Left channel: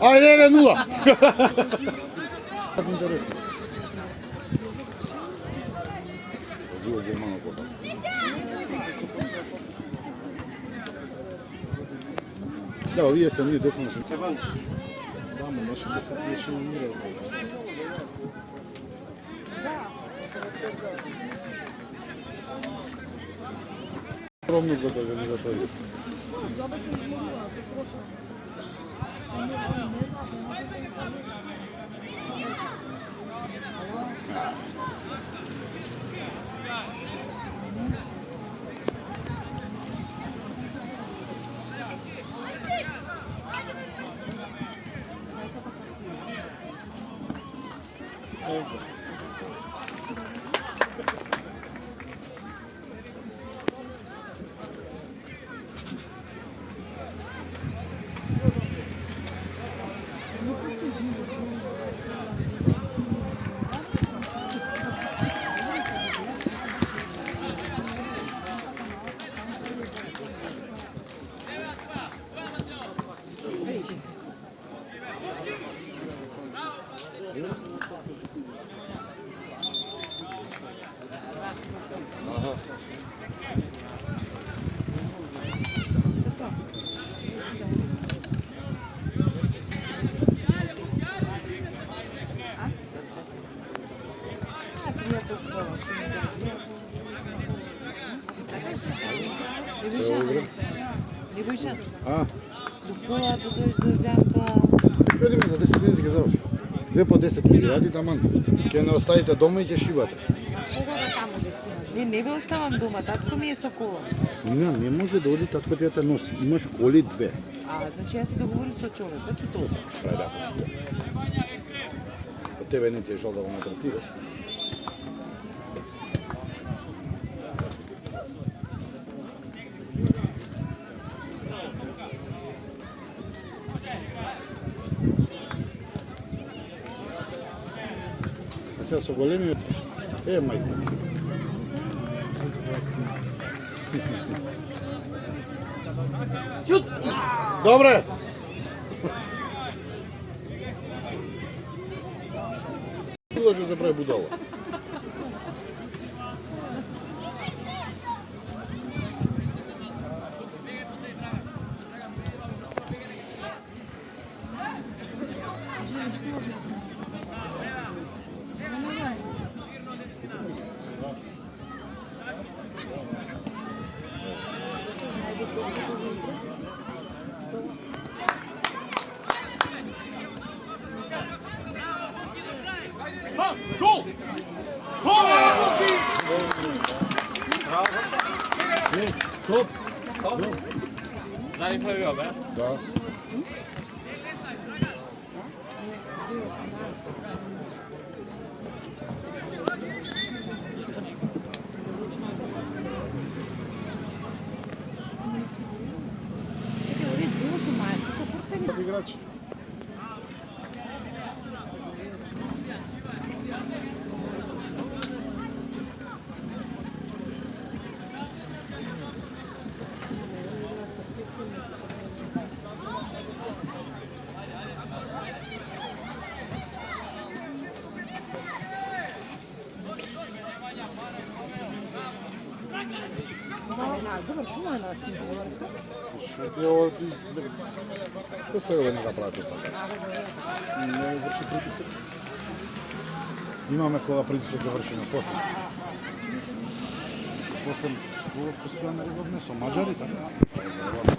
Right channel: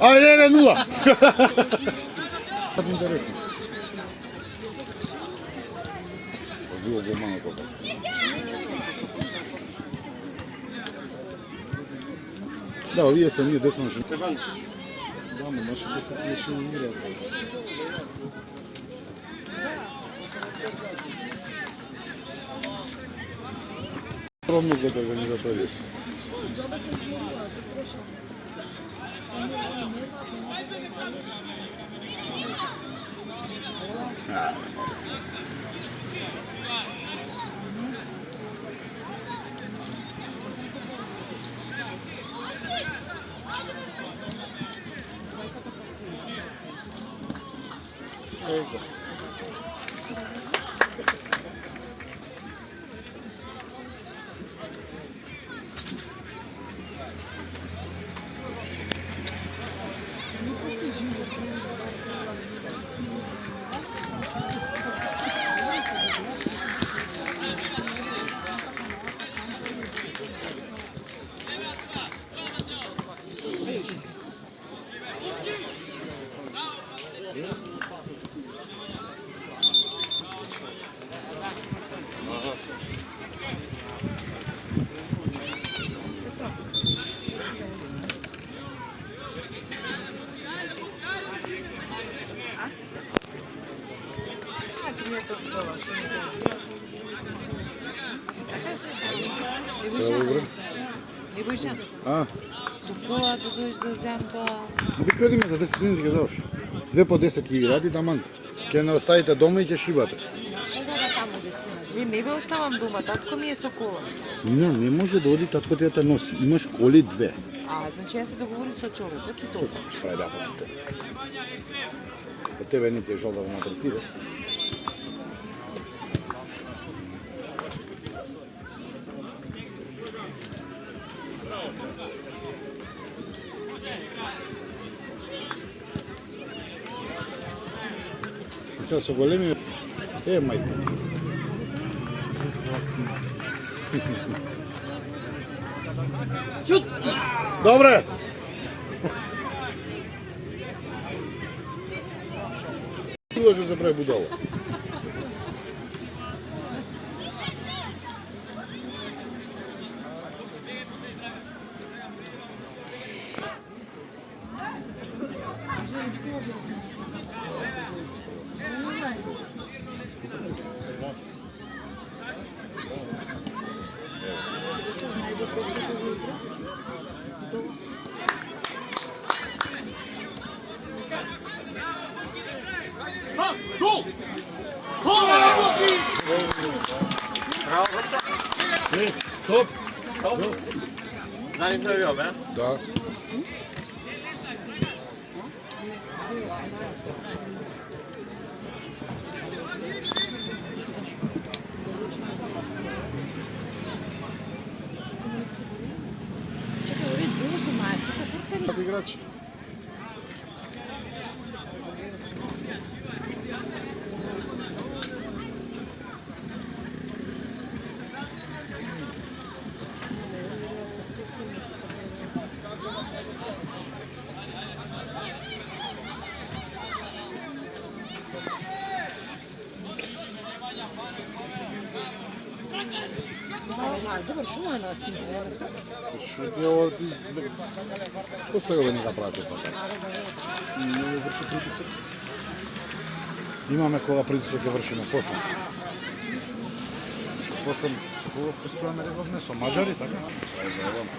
Ајде, 1-0. Интересно. Да, овие се ние деца наши. Да, ма наши деца не се умираат. Ровно го организатори. Джоба се изморила, се прошла. Не знаат, А? Допола да дојдеш да зам тоа. Прикладиме за 10 минути ќе заврши. 2 по 10.000 ради таман. Ќе не оставите дома и ќе шибате. Не бе оставам дома, татко ми е со кола. Не може да оди татко ти да те носи. Имаш коли 2. Значи јас се договорим со човекот и тоа. Прави да се. Од тебе не ти е жал да го натретираш. Сега со големи... мајка. Чут! Добре! Даже забрави будала. Топ! Zanim prvi be? Да. Чекај, ори, било со мајста се фрцали. Како играч. Добар, шума е на синти, не скапа се. Што ти... Кој сега да не го правите сега? Не ми врши притисок. Имаме кога притисок да вршиме после. После кога вкъствуваме редовне со маđари, така? Тоа е заебано.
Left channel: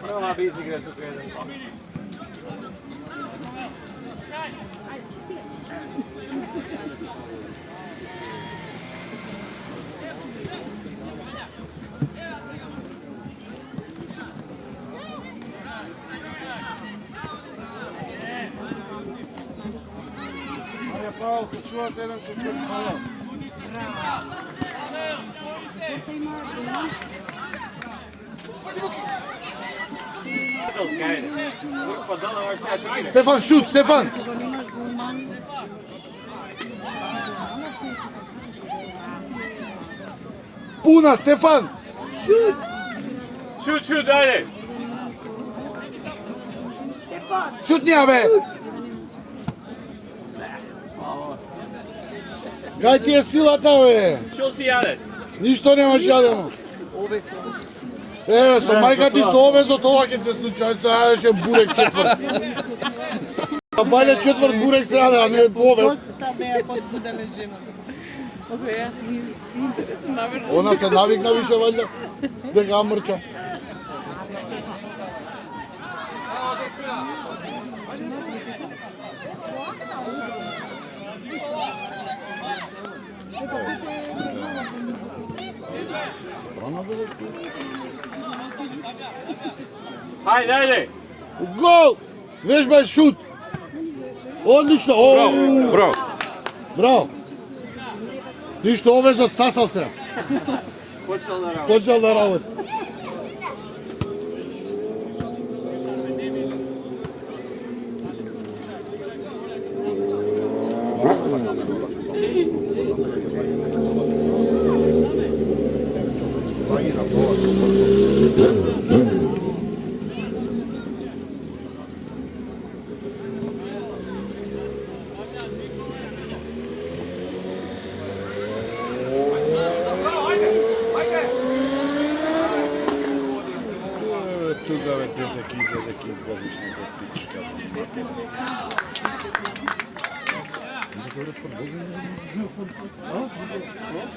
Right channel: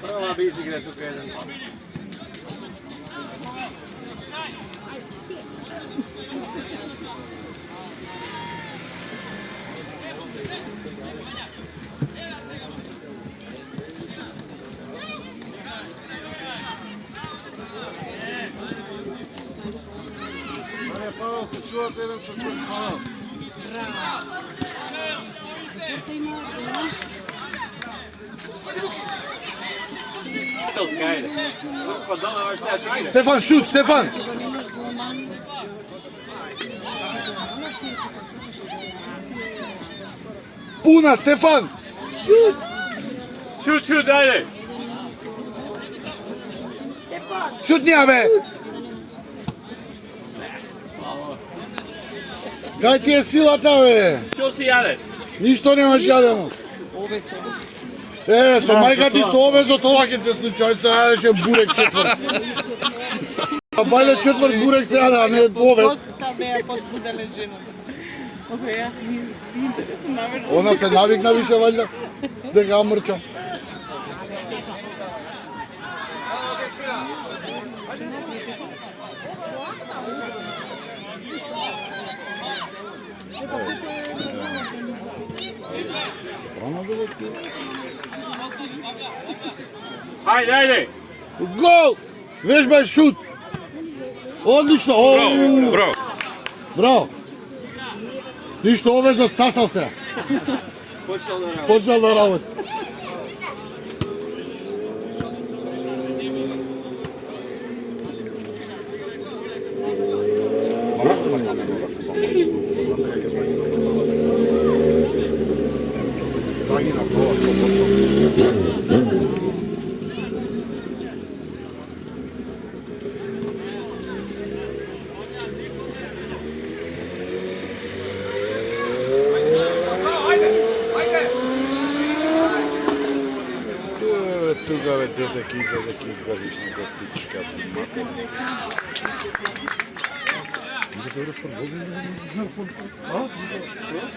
Prva bi izigre tuka jedan. Пао, се чувате еден со друг. Švicarska, ajde. Pa dole možeš sada šukine. Stefan, šut, Stefan! Puna, Stefan! Šut, ajde. Šutnija, be! Кај ти е силата, бе? Što si jaden? Ништо немаш јадено. Ове се. Еве, со мајка ти со овезот, ова ќе се случи, ај стојаше бурек четврт. Бале четврт бурек се јаде, а не овес. Доста беа подбудале жената. Океј, јас навер. Она се навикна више, вајде, дека ја мрча. Ajde, ajde. Гол! Вежба шут! Одлично! Браво. Браво! Ништо овезот стасал се. Počeo da radi. Почел да работи. Тука бе дете ки излезе, ки изгазиш некој пичка.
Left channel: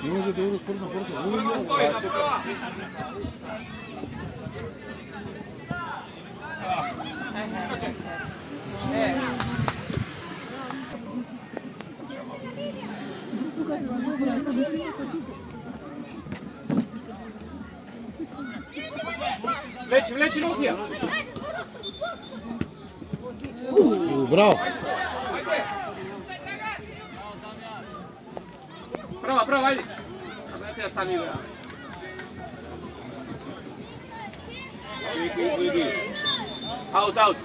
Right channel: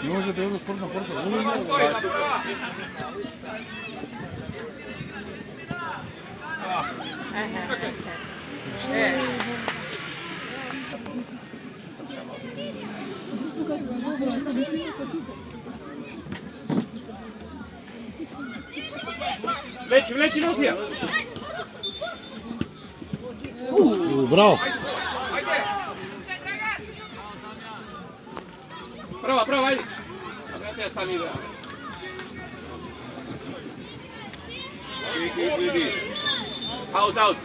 Не може да е спорт на форца. Vleči, nosi ja. Браво! Prava, ajde. Ja sam idea. Čekaj, vidi. Out.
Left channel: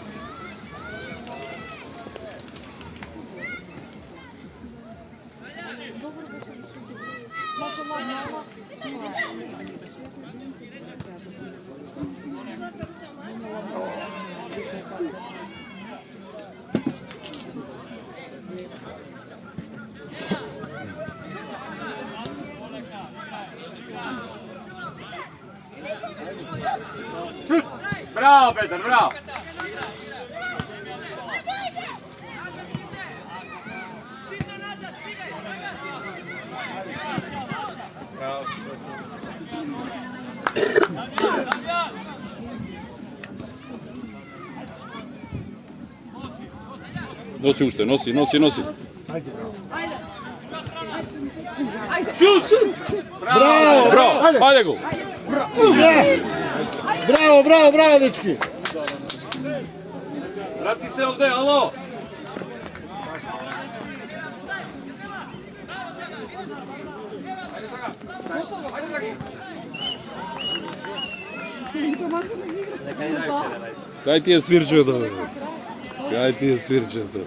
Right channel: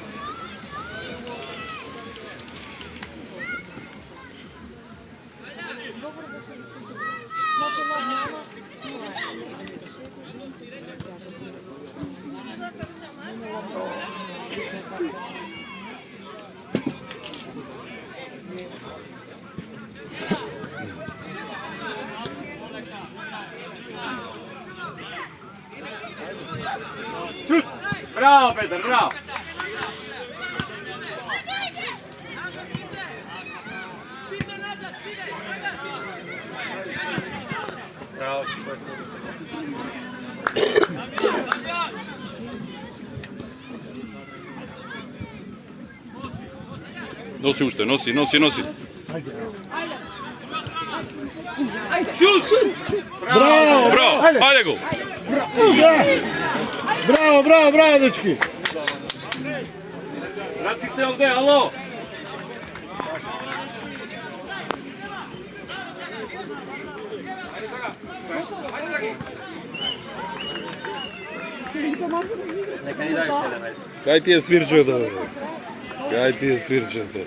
Šut! Bravo, Petar, bravo! Носи уште, носи. Šut! Браво! Браво, ајде го. Браво, дечки! Vrati se ovde, alo! Кај ти е свирчето? Кај ти е свирчето?